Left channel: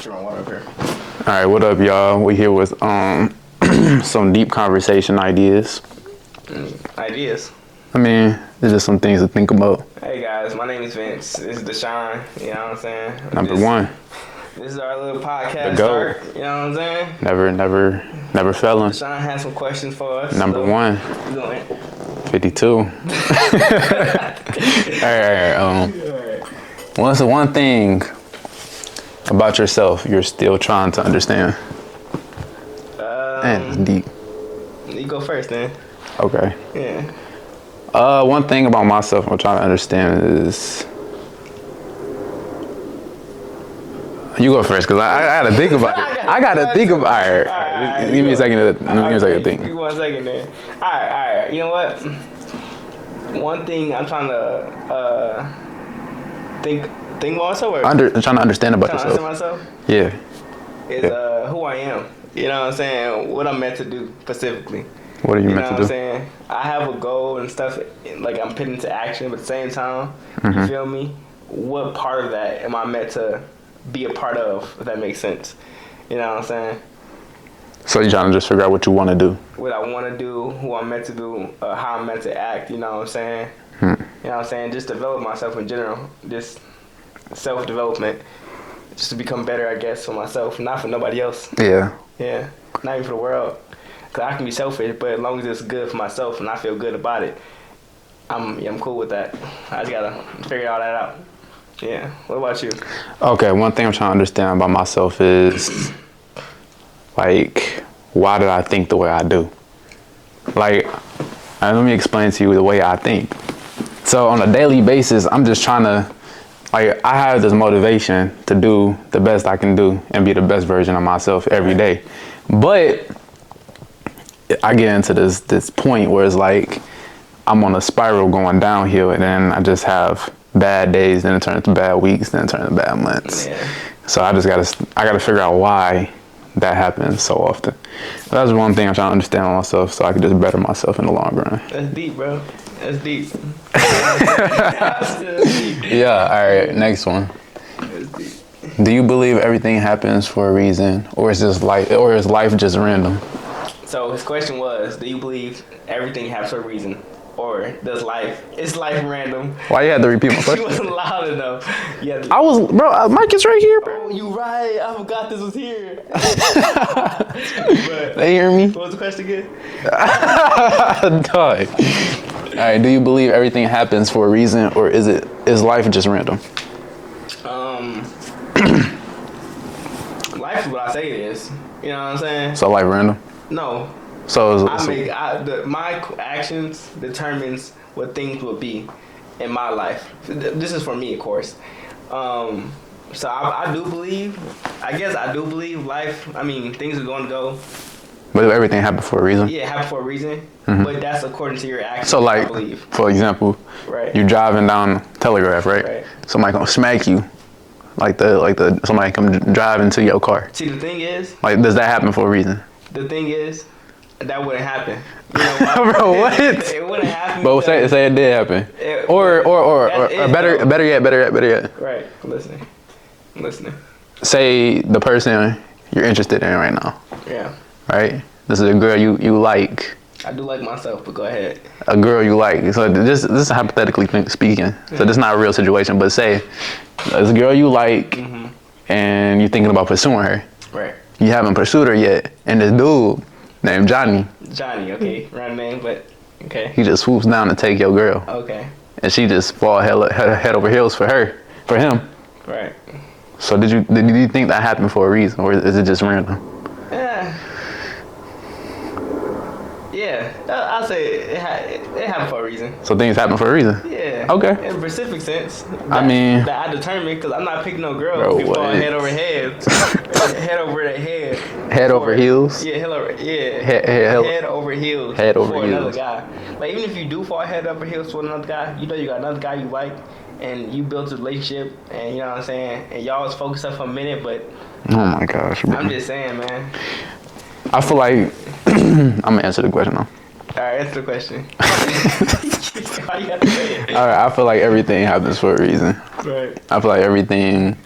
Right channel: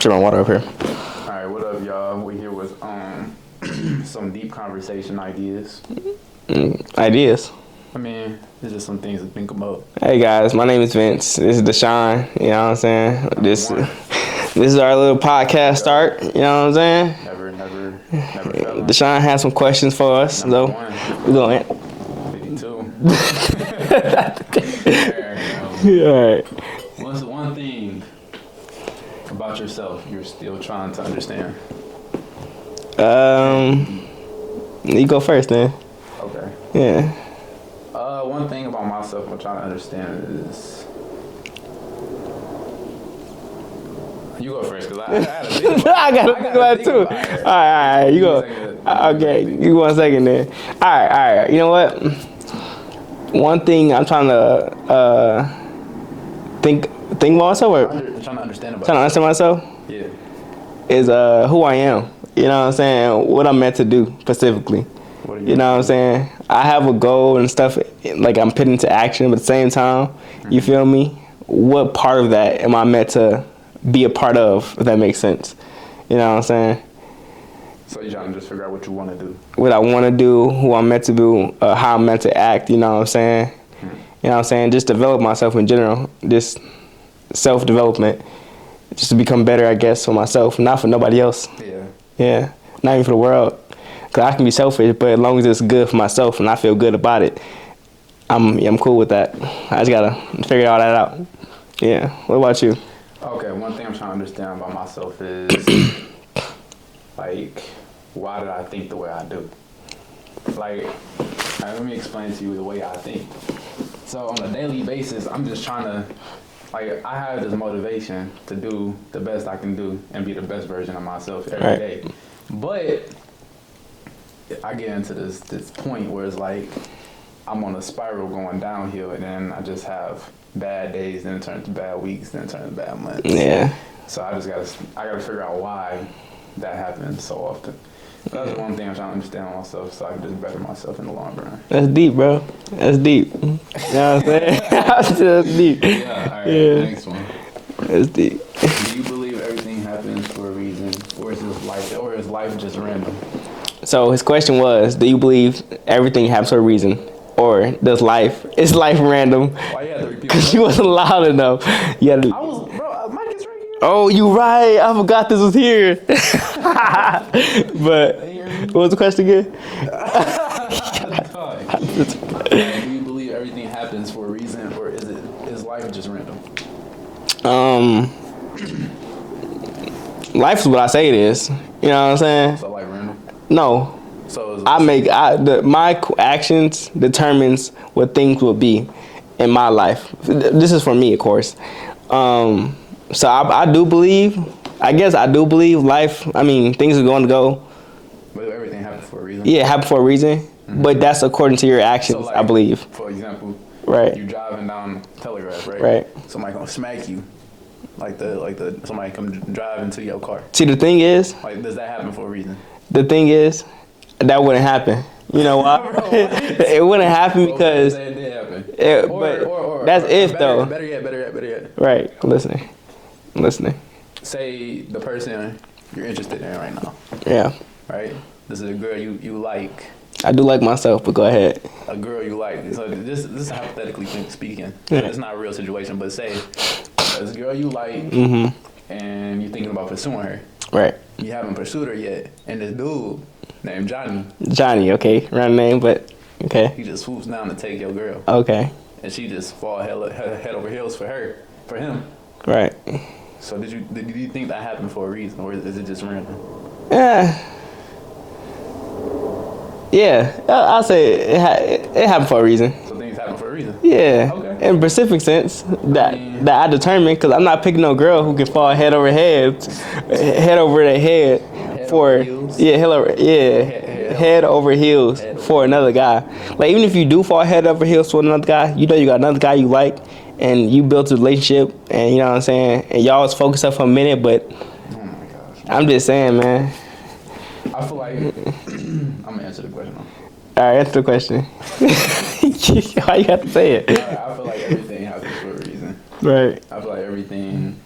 Put my water up here. All right, what up, y'all? We here with some deep conversation ideas. Ideas. I mean, there's just some things to think about. Hey guys, my name is Vince. This is Deshaun. You know what I'm saying? Number one. This is our little podcast start. You know what I'm saying? Never fell in. Deshaun has some questions for us. Number one. We're going. 52. All right. All right. What's the one thing about yourself you're still trying to understand? Deep. You go first, man. Okay. Yeah. One thing about myself I'm trying to understand is. You go first, because I gotta think about it. I gotta think about it. All right. Give me a second to think. You 1 second then. All right. You know what? One thing I'm trying to think about myself. Trying to understand about yourself. Understand myself? Yeah. Is who I am. You know what I'm saying? What I'm meant to do specifically. What are you know meant what to I'm do? saying? I have a goal and stuff, like I'm putting into action, but at the same time, you feel me? What part of that am I meant to be a part of, if that makes sense? You know what I'm saying? So you're trying to just figure out what you want to do. What I want to do, who I'm meant to do, how I'm meant to act, you know what I'm saying? You know what I'm saying? Just develop myself in general, just self-development, just to become better, I guess, for myself, not for nobody else. Yeah. Yeah, not even for the world. Because I can be selfish, but as long as it's good for myself and I feel good about it, I'm cool with that. I just got to figure all that out. Yeah, what about you? Okay, one thing I'm trying to understand about myself is, like, why did I think the way I do? Like, let me explain to you the way I think. So on a daily basis, I'm just trying to, like, I have this motivation to do the best I can do and be the best version of myself every day. But I get into this point where it's like, I'm on a spiral going downhill, and then I just have bad days, then it turns to bad weeks, then it turns to bad months. Yeah. So I gotta figure out why that happens so often. That's one thing I'm trying to understand myself, so I can just better myself in the long run. That's deep, bro. That's deep. You know what I'm saying? That's deep. Yeah, all right, Yeah. Next one. That's deep. Do you believe everything happens for a reason, or is life just random? So his question was, do you believe everything happens for a reason? Or is life random? Why you had to repeat my You question? wasn't loud enough. Mike is right here. Oh, you right. I forgot this was here. But They hear me? what was the question again? Dog. All right, do you believe everything happens for a reason, or is life just random? Life is what I say it is. You know what I'm saying? So life random? No. So my actions determines what things will be in my life. This is for me, of course. So I do believe. I guess I do believe life. I mean, things are going to go. But if everything happened for a reason? Yeah, happen for a reason. But that's according to your actions. So, like, I believe. For example, Right. you're driving down Telegraph, right? Right. Somebody gonna smack you, somebody come drive into your car. See, the thing is. Like, does that happen for a reason? The thing is, that wouldn't happen. You know why? Bro, what? It wouldn't happen But because. say it did happen. Or that's if, better yet. Right. I'm listening. Say the person you're interested in right now, Yeah. right? This is a girl you like. I do like myself, but go ahead. A girl you like. So this is hypothetically speaking. So this is not a real situation, but say there's a girl you like and you're thinking about pursuing her. Right. You haven't pursued her yet, and this dude named Johnny, okay. Run name, but okay. he just swoops down to take your girl. Okay. And she just fall head over heels for him. Right. So did you think that happened for a reason, or is it just random? Yeah, I'll say it happened for a reason. So things happen for a reason? Yeah. Okay. In a specific sense. that I determined, because I'm not picking no girl who can fall head over head. Head over the head. Head over heels? Yeah, head over heels for another guy. Like, even if you do fall head over heels for another guy, you know you got another guy you like, and you built a relationship, and you know what I'm saying, and y'all was focused up for a minute, but Oh my gosh, bro. I'm just saying, man. I feel like I'm gonna answer the question now. All right, answer the question. Why you have to say it? All right, I feel like everything happens for a reason. Right. I feel like everything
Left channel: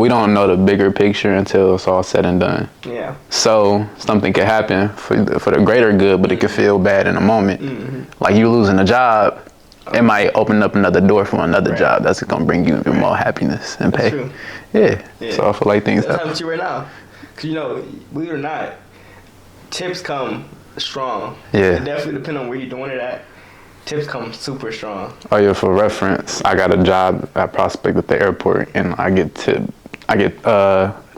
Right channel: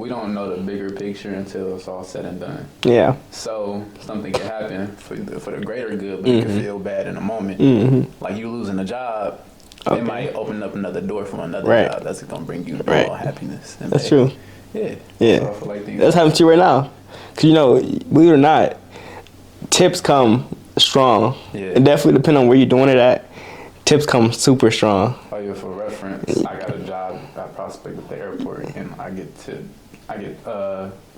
we don't know the bigger picture until it's all said and done. Yeah. So something could happen for the greater good, but it could feel bad in a moment. Like you losing a job, it might open up another door for another job that's gonna bring you even more happiness and pay. That's true. Yeah. So I feel like things. That's happening to you right now. Cause you know, believe it or not, tips come strong. Yeah. It definitely depends on where you're doing it at. Tips come super strong. Oh yeah, for reference, I got a job at Prospect at the airport, and I get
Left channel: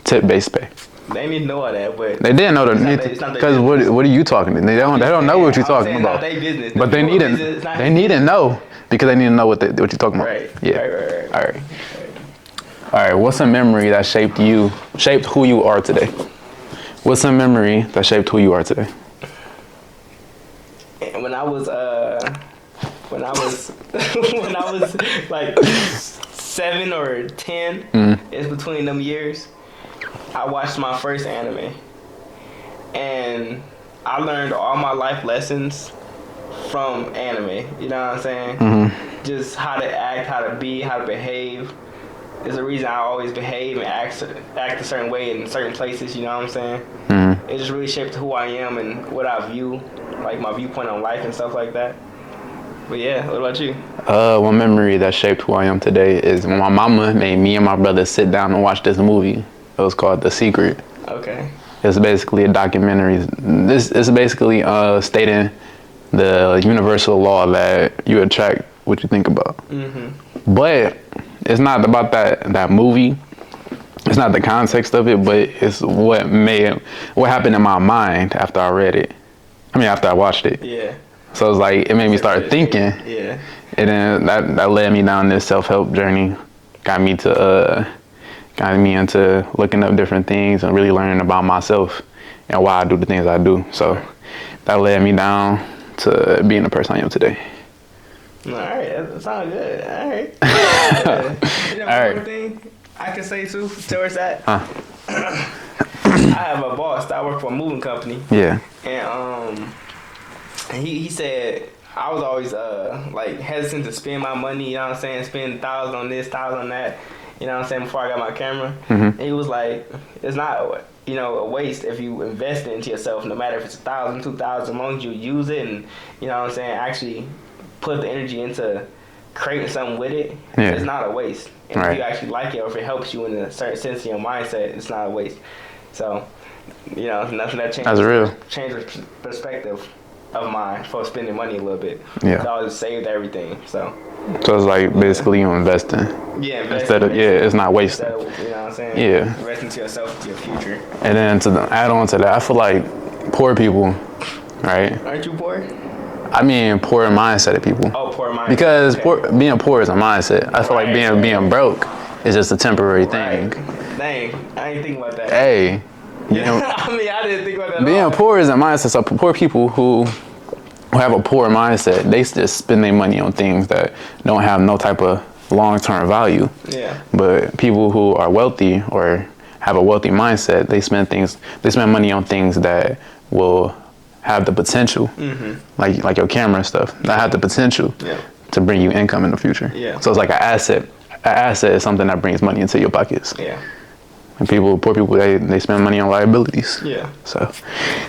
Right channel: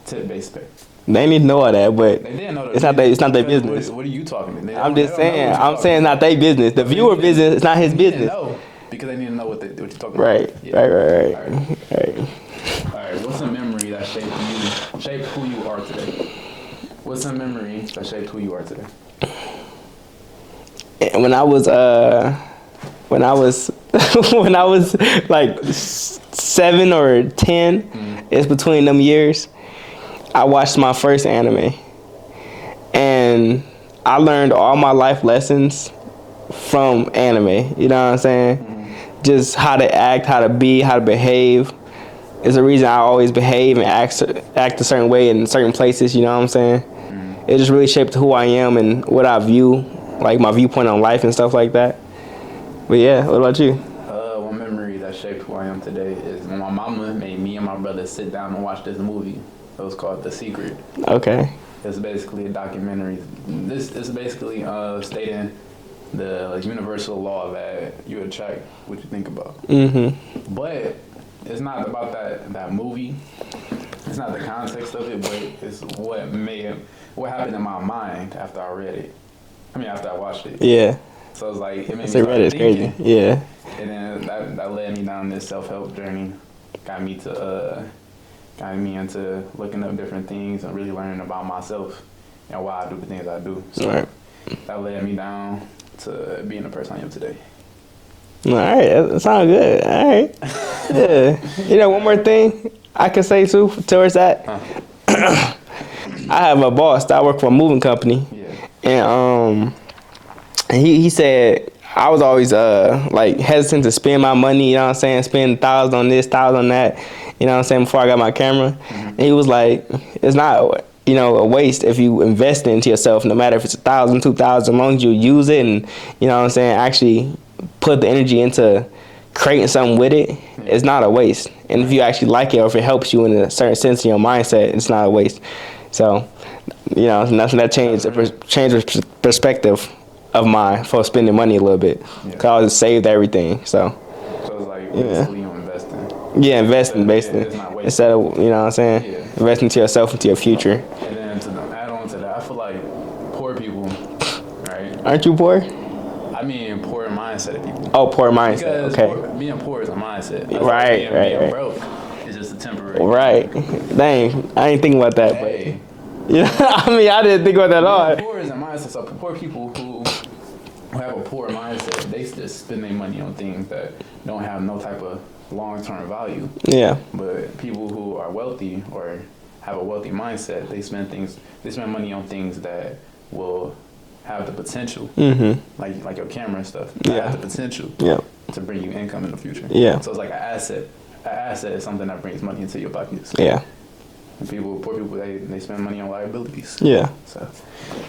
tip-based pay. They didn't know all that, but They didn't know that. it's not their business. Because what are you talking to? They don't know what you're talking about. I'm saying not their business. The viewer business, it's not his business. They need to know because they need to know what you're talking about. Right. Yeah. Right. All right. What's a memory that shaped who you are today? What's a memory that shaped who you are today? When I was when I was like 7 or 10, it's between them years, I watched my first anime. And I learned all my life lessons from anime. You know what I'm saying? Just how to act, how to be, how to behave. It's the reason I always behave and act a certain way in certain places, you know what I'm saying? It just really shaped who I am and what I view, like my viewpoint on life and stuff like that. But yeah, what about you? One memory that shaped who I am today is when my mama made me and my brother sit down and watch this movie. It was called The Secret. Okay. It's basically a documentary. This is basically stating the universal law that you attract what you think about. But it's not about that movie. It's not the context of it, but it's what happened in my mind after I read it. After I watched it. Yeah. So it's like, it made me start thinking. Crazy. Yeah. And then that led me down this self-help journey. Got me into looking up different things and really learning about myself and why I do the things I do. So that led me down to being the person I am today. All right, that sounds good. All right. Yeah. You know, one more thing I can say too towards that. I have a boss that I work for a moving company. Yeah. And he said I was always like hesitant to spend my money, you know what I'm saying, spend $1,000 on this, $1,000 on that, you know what I'm saying, before I got my camera. And he was like, it's not, you know, a waste if you invest into yourself, no matter if it's $1,000, $2,000, as long as you use it and, you know what I'm saying, actually put the energy into creating something with it. It's not a waste. And if you actually like it, or if it helps you in a certain sense in your mindset, it's not a waste. So, you know, nothing that changed the perspective of mine for spending money a little bit. Yeah. So I always saved everything. So it's like basically you investing. Yeah, investing. It's not wasting. Instead of, you know what I'm saying? Yeah. Investing to yourself, into your future. And then to add on to that, I feel like poor people, right? Aren't you poor? Poor mindset of people. Oh, poor mindset. Because being poor is a mindset. I feel like being broke is just a temporary thing. Right. Dang, I ain't thinking about that. Hey. You know, I didn't think about that at all. Being poor is a mindset. So poor people who have a poor mindset, they just spend their money on things that don't have no type of long-term value. Yeah. But people who are wealthy or have a wealthy mindset, they spend money on things that will have the potential, like your camera and stuff, that have the potential to bring you income in the future. Yeah. So it's like an asset. An asset is something that brings money into your pockets. Yeah. And poor people, they spend money on liabilities. Yeah. So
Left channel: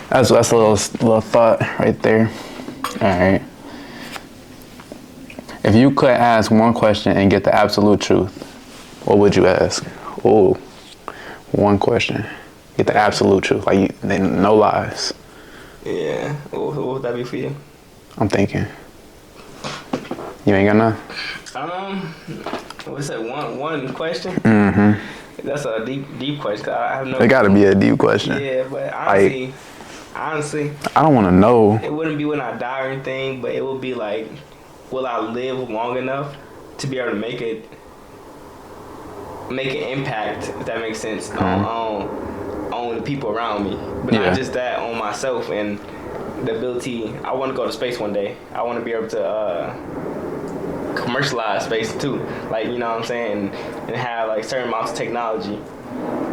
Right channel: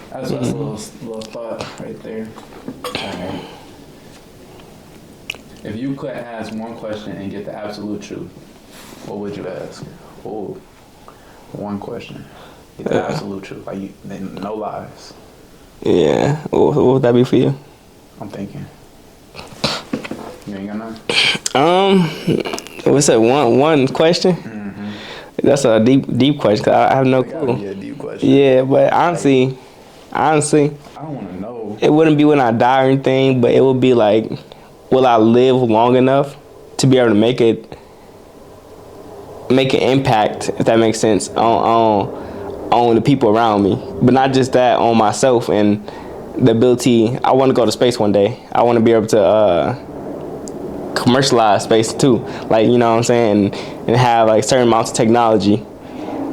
that's a little thought right there. All right. If you could ask one question and get the absolute truth, what would you ask? Oh, one question. Get the absolute truth, like no lies. Yeah. What would that be for you? I'm thinking. You ain't got none? What's that? One question? Mm-hmm. That's a deep question. 'Cause I have no. It gotta be a deep question. Yeah, but honestly, I don't want to know. It wouldn't be when I die or anything, but it would be like, will I live long enough to be able to make an impact, if that makes sense, on the people around me, but not just that, on myself and the ability. I want to go to space one day. I want to be able to commercialize space too, like, you know what I'm saying, and have like certain amounts of technology.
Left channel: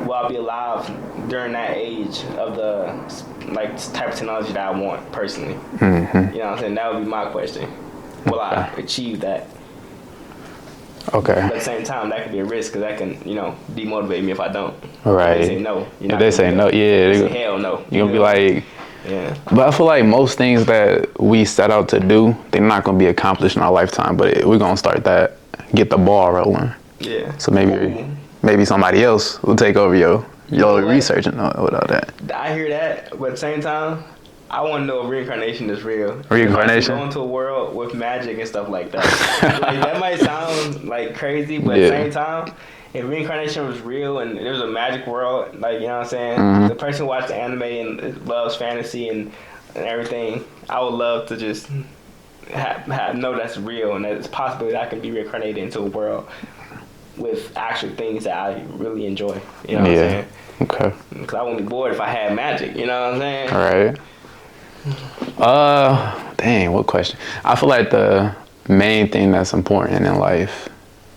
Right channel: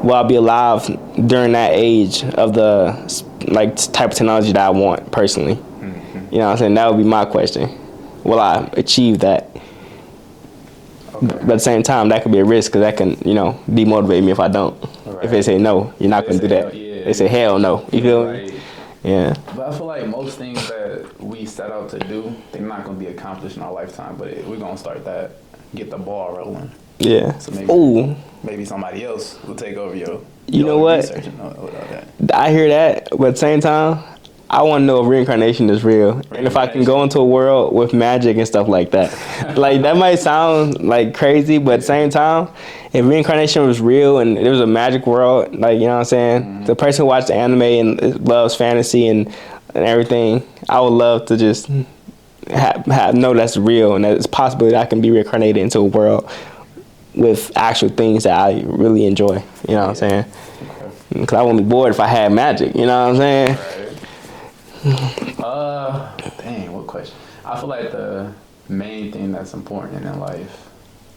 Will I be alive during that age of the like type of technology that I want personally? Mm-hmm. You know what I'm saying? That would be my question. Will I achieve that? Okay. But at the same time, that could be a risk because that can, demotivate me if I don't. Right. If they say no, you're not going to do that. No, yeah. They say hell no. You'll be like, yeah. But I feel like most things that we set out to do, they're not going to be accomplished in our lifetime. But we're going to start that, get the ball rolling. Yeah. So maybe somebody else will take over your research and all that. I hear that, but at the same time, I want to know if reincarnation is real. If I can go into a world with magic and stuff like that. Like, that might sound like crazy, but at the same time, if reincarnation was real and there was a magic world, like, you know what I'm saying? Mm-hmm. The person who watched anime and loves fantasy and everything, I would love to just know that's real and that it's possible that I can be reincarnated into a world with actual things that I really enjoy. You know what I'm saying? Okay. Because I wouldn't be bored if I had magic. You know what I'm saying? All right. Dang, what question? I feel like the main thing that's important in life,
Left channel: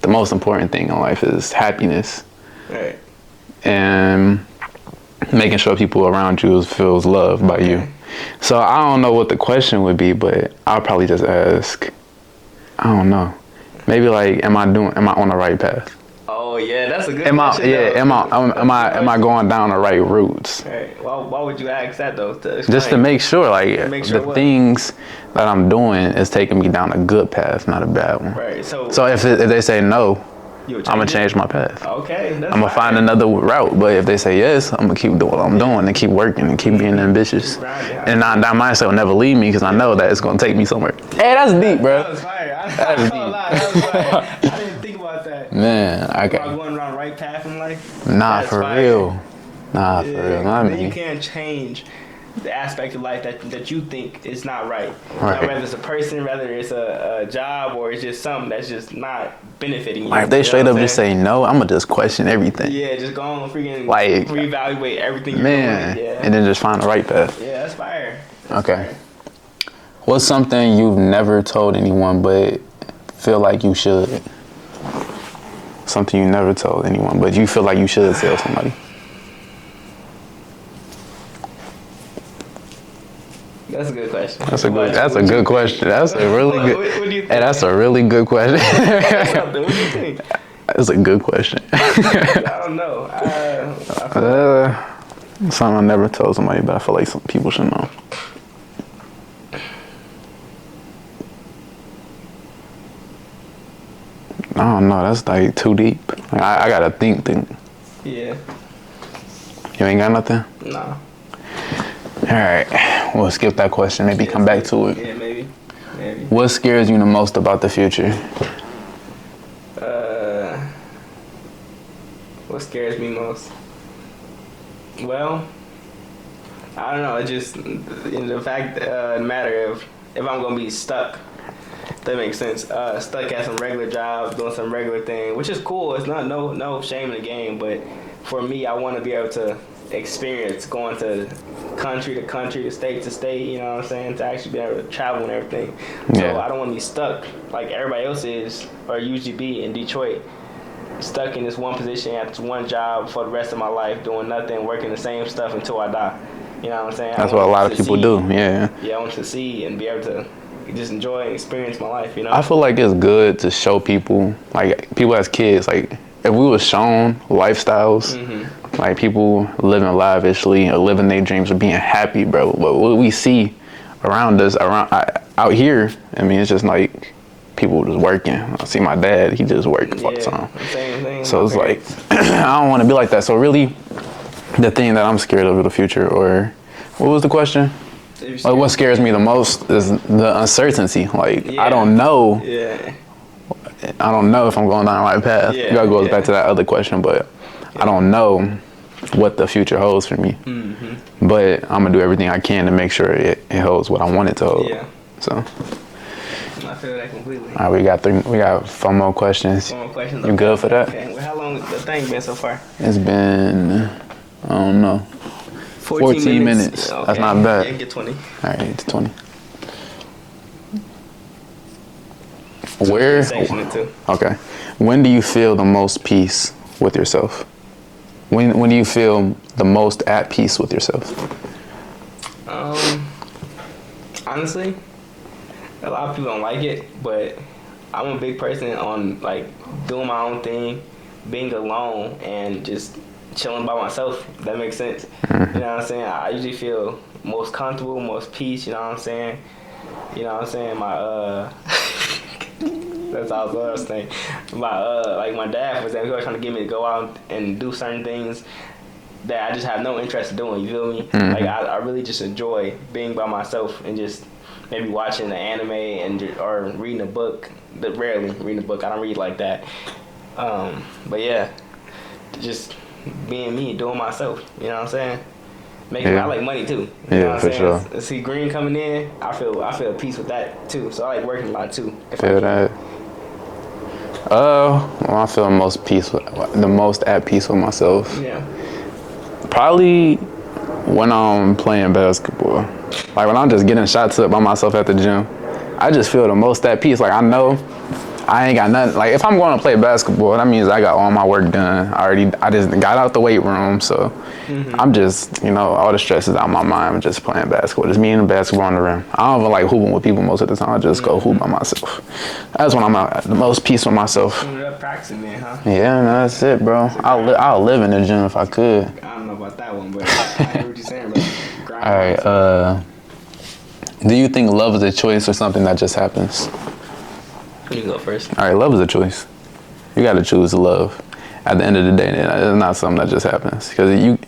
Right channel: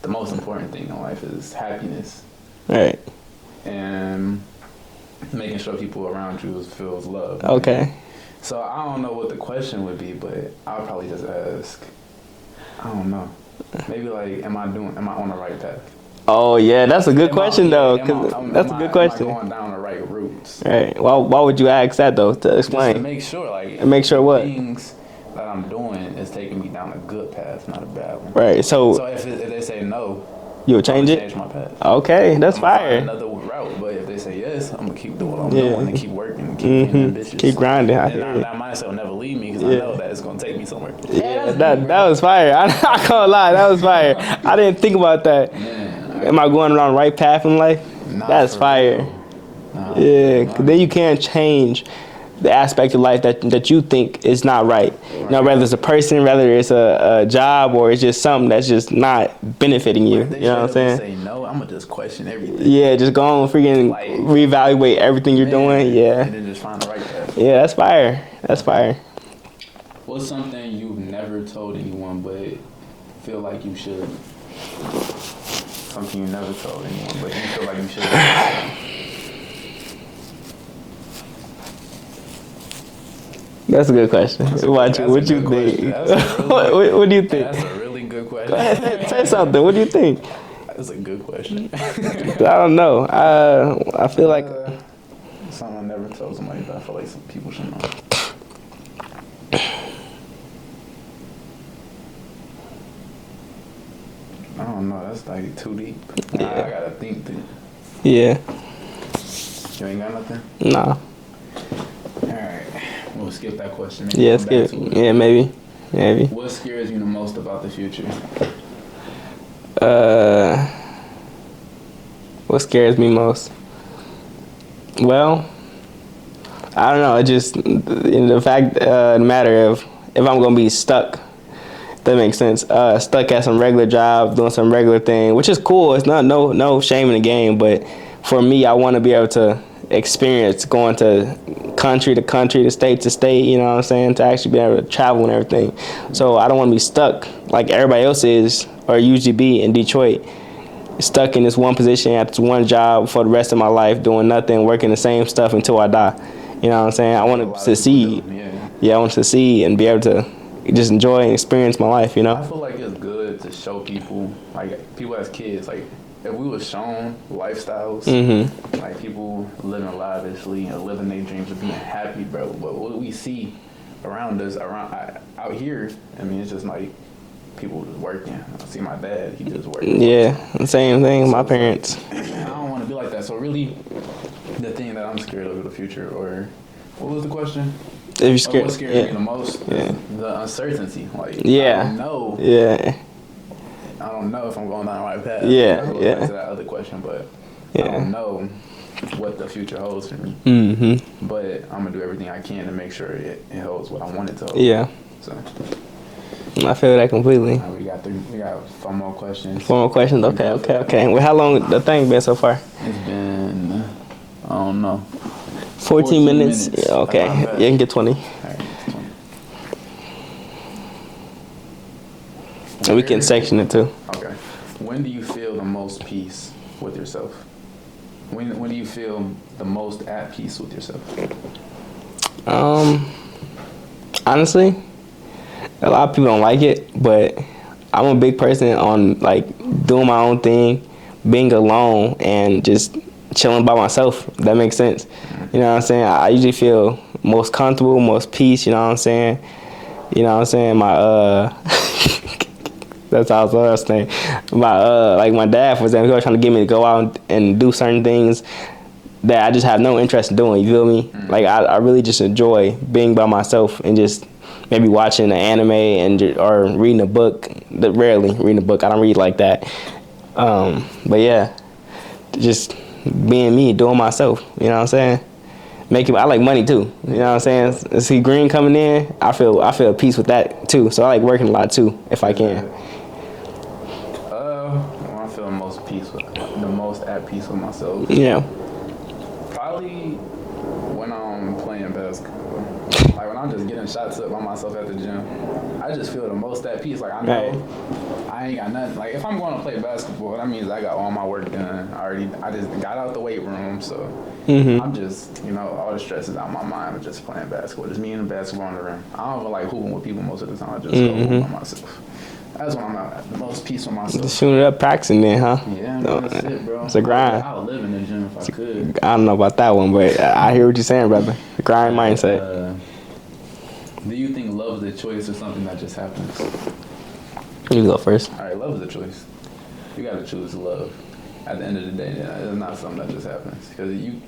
the most important thing in life is happiness. Right. And making sure people around you feels loved by you. So I don't know what the question would be, but I'll probably just ask, I don't know. Maybe like, am I on the right path? Oh yeah, that's a good question though. Am I going down the right routes? Right. Why would you ask that though? To explain? Just to make sure, the things that I'm doing is taking me down a good path, not a bad one. Right. So if they say no, I'm gonna change my path. Okay, that's fine. I'm gonna find another route. But if they say yes, I'm gonna keep doing what I'm doing and keep working and keep being ambitious. Keep grinding. And that mindset will never leave me because I know that it's gonna take me somewhere. Hey, that's deep, bro. That was fire. I'm not gonna lie, that was fire. I didn't think about that. Man, am I going around the right path in life? Nah, that's for fire. Real. Nah, yeah. Then you can't change the aspect of life that you think is not right. Now, whether it's a person, whether it's a job, or it's just something that's just not benefiting you. If they straight up say no, I'm gonna just question everything. Yeah, just go on freaking reevaluate everything you're doing. Yeah, and then just find the right path. Yeah, that's fire. That's fire. What's something you've never told anyone but feel like you should? Something you never told anyone but you feel like you should tell somebody. That's a good question. That's a good question. That's a really good. What do you think? Hey, that's a really good question. Say something. What do you think? That's a good question. I don't know. I feel like something I never told somebody, but I feel like some people should know. I don't know. That's like too deep. I gotta think. Yeah. You ain't got nothing? No. All right, we'll skip that question. Maybe come back to it. Yeah, maybe. What scares you the most about the future? What scares me most? Well, I don't know. It just the matter of if I'm gonna be stuck. That makes sense. Stuck at some regular job, doing some regular thing, which is cool. It's not no shame in the game, but for me, I want to be able to experience going to country to country, to state to state, you know what I'm saying, to actually be able to travel and everything. Yeah. So I don't want to be stuck like everybody else is or usually be in Detroit, stuck in this one position at this one job for the rest of my life, doing nothing, working the same stuff until I die. You know what I'm saying? That's I want what a lot of people do, Yeah, I want to succeed and be able to just enjoy and experience my life, you know? I feel like it's good to show people, like people as kids, like if we were shown lifestyles, like people living lavishly or living their dreams or being happy, bro. But what we see around us, out here, I mean, it's just like people just working. I see my dad, he just working all the time. The same thing. So my parents. Like, I don't want to be like that. So really, the thing that I'm scared of in the future, or what was the question? What scares me the most is the uncertainty. Like, I don't know. Yeah. I don't know if I'm going down the right path. Yeah. That goes back to that other question, but I don't know what the future holds for me. Mm-hmm. But I'm gonna do everything I can to make sure it holds what I want it to hold. Yeah. So. I feel that completely. All right, we got 4 more questions. 4 more questions. Okay. You good for that? Okay. Well, how long the thing been so far? It's been, I don't know. 14 minutes. Yeah, okay. That's not bad. You can get 20. All right, it's 20. So we can section it too. Okay. When do you feel the most peace with yourself? When do you feel the most at peace with yourself? Honestly, a lot of people don't like it, but I'm a big person on like doing my own thing, being alone, and just chilling by myself. If that makes sense. Mm-hmm. You know what I'm saying? I usually feel most comfortable, most peace. You know what I'm saying? You know what I'm saying? That's how I was saying. Like my dad, for example, he was trying to get me to go out and do certain things that I just have no interest in doing. You feel me? Mm-hmm. Like I really just enjoy being by myself and just maybe watching an anime or reading a book. Rarely reading a book. I don't read like that. But yeah, just being me, doing myself. You know what I'm saying? I like money too. You know what I'm saying? Sure. See green coming in, I feel peace with that too. So I like working a lot too, if I can. That. Well, I feel the most at peace with myself. Yeah. Probably when I'm playing basketball. Like when I'm just getting shots up by myself at the gym, I just feel the most at peace. Like I know I ain't got nothing. Like if I'm going to play basketball, that means I got all my work done. I just got out the weight room, so I'm just, all the stress is out of my mind. I'm just playing basketball. Just me and the basketball on the rim. I don't even like hooping with people most of the time. I just go hoop by myself. That's when I'm at the most peace with myself. Soon up practicing then, huh? Yeah, that's it, bro. I'll live in the gym if I could. I don't know about that one, but I hear what you're saying, brother. Grind mindset. Do you think love is a choice or something that just happens? You go first. All right, love is a choice. You got to choose love. At the end of the day, it's not something that just happens. Because you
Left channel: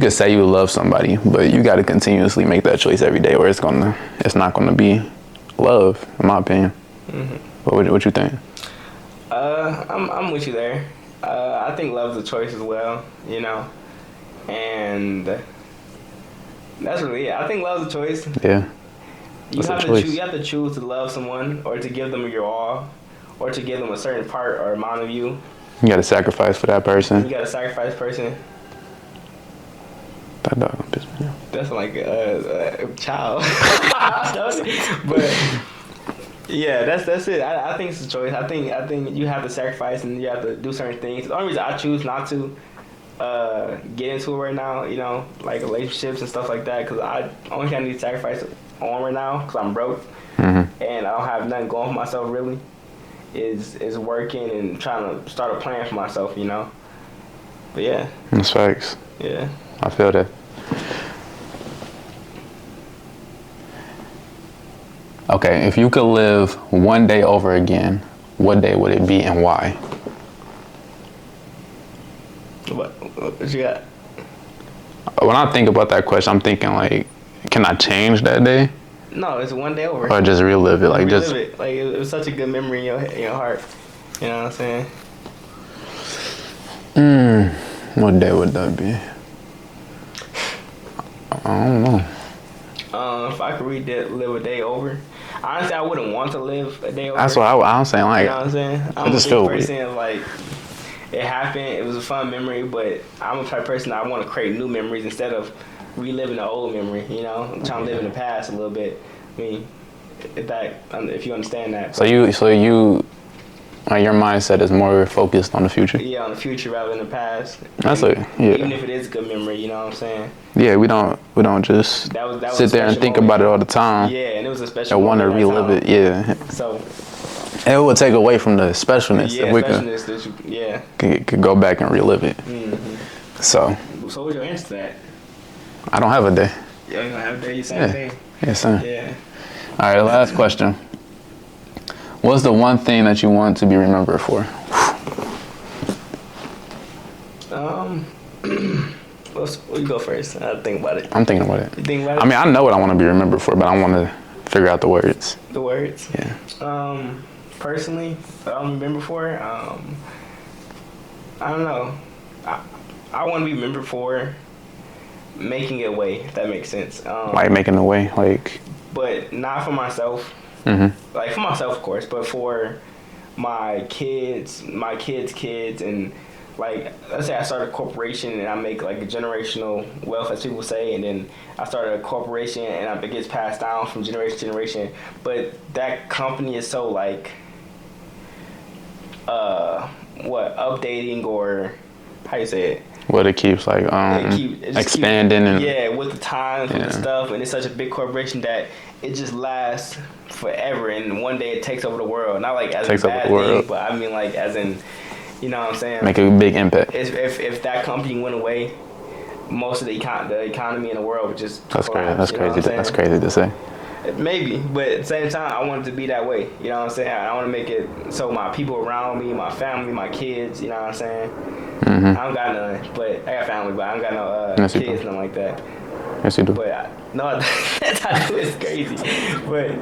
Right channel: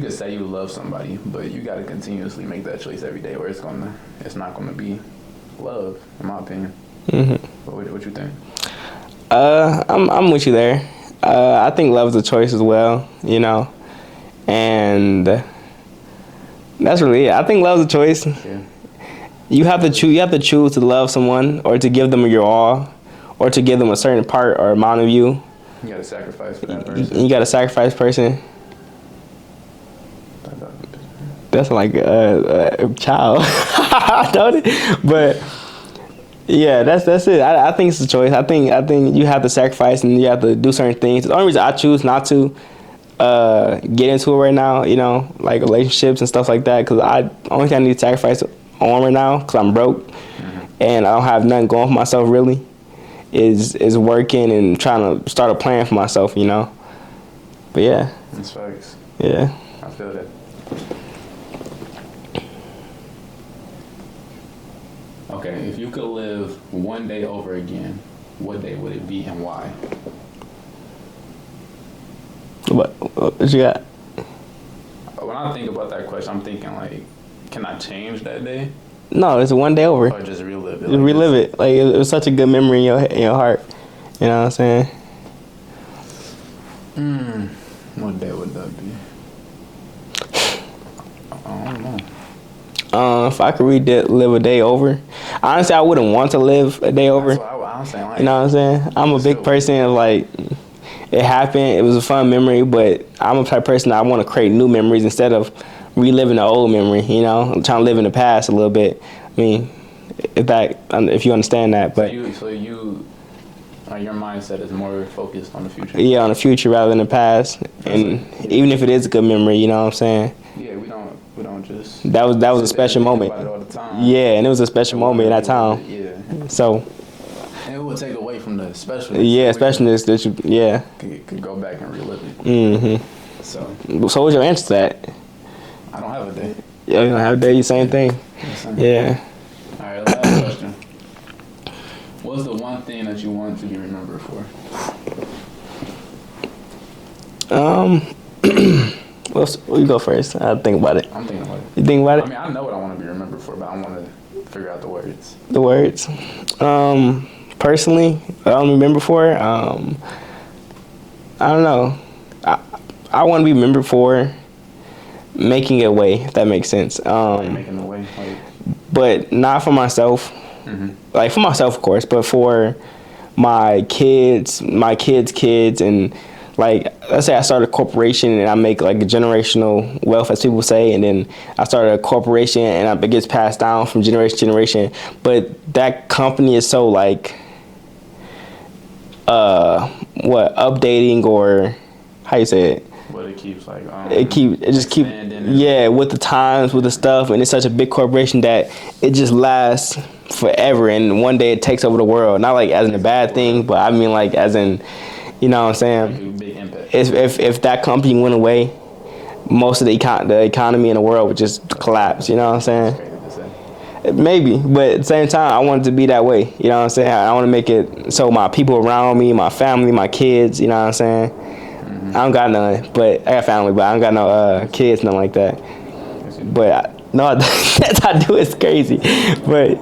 can say you love somebody, but you got to continuously make that choice every day, or it's not gonna be love, in my opinion. Mm-hmm. What you think? I'm with you there. I think love is a choice as well, and that's really it. I think love is a choice. Yeah. You have to choose to love someone, or to give them your all, or to give them a certain part or amount of you. You got to sacrifice for that person. You got to sacrifice person. That dog pissed me off. That's like a child, don't it? But yeah, that's it. I think it's a choice. I think you have to sacrifice and you have to do certain things. The only reason I choose not to get into it right now, like relationships and stuff like that, because only thing I need to sacrifice on right now, because I'm broke and I don't have nothing going for myself really, is working and trying to start a plan for myself, But yeah. That's facts. Yeah. I feel that. Okay, if you could live one day over again, what day would it be and why? What you got? When I think about that question, I'm thinking like, can I change that day? No, it's one day over. Or just relive it? Like relive it. Like it was such a good memory in your heart. You know what I'm saying? What day would that be? I don't know. If I could live a day over, honestly, I wouldn't want to live a day over. That's what I'm saying. Like, you know what I'm saying? I'm a big person of like, it happened. It was a fun memory, but I'm a type of person that I want to create new memories instead of reliving the old memory. I'm trying to live in the past a little bit. I mean, if you understand that. But so you. Your mindset is more focused on the future. Yeah, on the future rather than the past. Even if it is a good memory, you know what I'm saying? Yeah, we don't just that was sit a special there and think moment. about it all the time. Yeah, and it was a special moment at that time. It. Yeah. So it would take away from the specialness. Yeah, specialness that you could go back and relive it. Mm-hmm. So what's your answer to that? I don't have a day. Yeah, you don't have a day. Same thing. Yeah, same. Yeah. All right, last question. What's the one thing that you want to be remembered for? Well, you go first. I'll think about it. I'm thinking about it. You think about it? I mean, I know what I want to be remembered for, but I want to figure out the words. The words? Yeah. Personally, what I want to remember for, I don't know. I want to be remembered for making a way, if that makes sense. Like making a way, like. But not for myself. Mm-hmm. Like for myself, of course, but for my kids' kids, and like let's say I start a corporation and I make like a generational wealth, as people say, and then I started a corporation and it gets passed down from generation to generation. But that company is so like updating, or how you say it? What it keeps like it just expanding and with the times, with the stuff, and it's such a big corporation that it just lasts forever, and one day it takes over the world. Not like as a bad thing, but I mean like as in, you know what I'm saying? Make a big impact. If that company went away, most of the economy in the world would just collapse. You know what I'm saying? That's crazy to say. Maybe, but at the same time, I want it to be that way. You know what I'm saying? I want to make it so my people around me, my family, my kids, you know what I'm saying? Mm-hmm. I don't got none, but I got family, but I don't got no kids, nothing like that. Yes, you do. But no, that's I do. It's crazy, but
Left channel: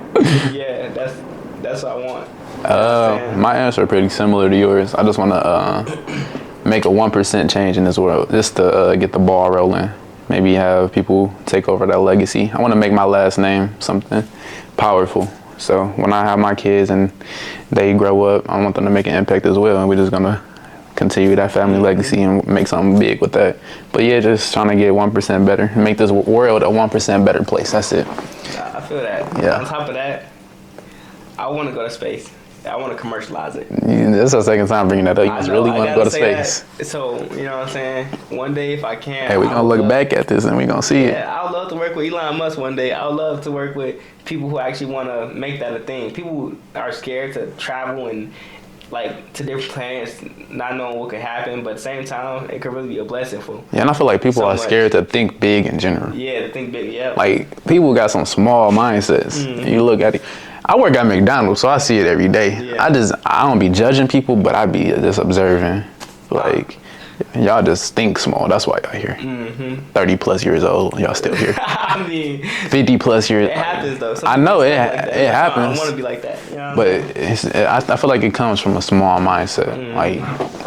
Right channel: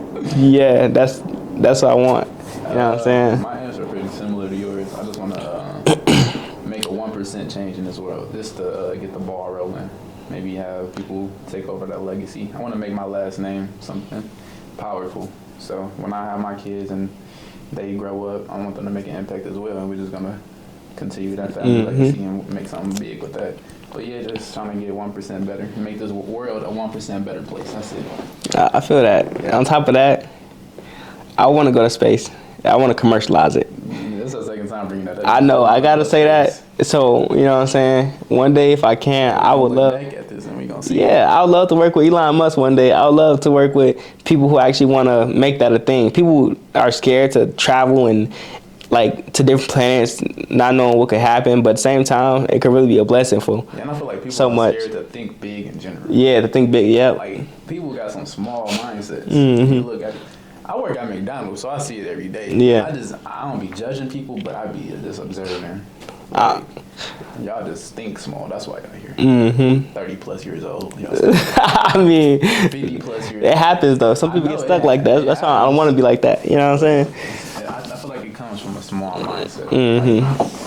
yeah, that's what I want. You know what I'm saying? My answer is pretty similar to yours. I just want to make a 1% change in this world, just to get the ball rolling. Maybe have people take over that legacy. I want to make my last name something powerful. So when I have my kids and they grow up, I want them to make an impact as well. And we're just gonna continue that family legacy and make something big with that. But yeah, just trying to get 1% better, make this world a 1% better place. That's it. I feel that. Yeah. On top of that, I want to go to space. I want to commercialize it. Yeah, that's the second time bringing that up. I know. I gotta say that. So you know what I'm saying. One day, if I can, hey, we gonna look back at this and we gonna see. Yeah, I would love to work with Elon Musk one day. I would love to work with people who actually want to make that a thing. People are scared to travel and like to different planets, not knowing what could happen. But at the same time, it could really be a blessing for. Yeah, and I feel like people are scared to think big in general. Yeah, to think big. Yeah, like people got some small mindsets. You look at it. I work at McDonald's, so I see it every day. Yeah. I don't be judging people, but I be just observing. Like, y'all just think small. That's why y'all here. 30 plus years old, y'all still here. I mean, 50 plus years. It happens though. Some people get stuck like that. I don't want to be like that. You know what I'm saying? I feel like it comes from a small mindset. Like,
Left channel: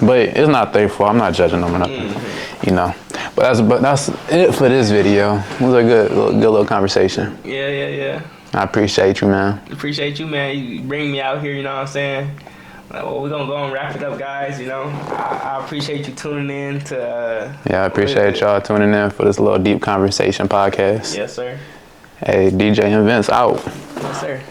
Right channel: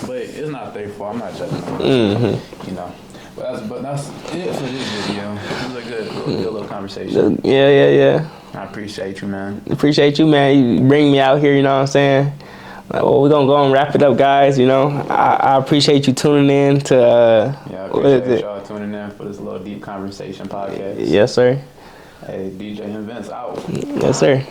but it's not their fault. I'm not judging them or nothing. You know. But that's it for this video. It was a good little conversation. Yeah. I appreciate you, man. Appreciate you, man. You bring me out here, you know what I'm saying? Well, we're going to go and wrap it up, guys, you know. I appreciate you tuning in to... yeah, I appreciate y'all tuning in for this little deep conversation podcast. Yes, sir. Hey, DJ and Vince out. Yes, sir.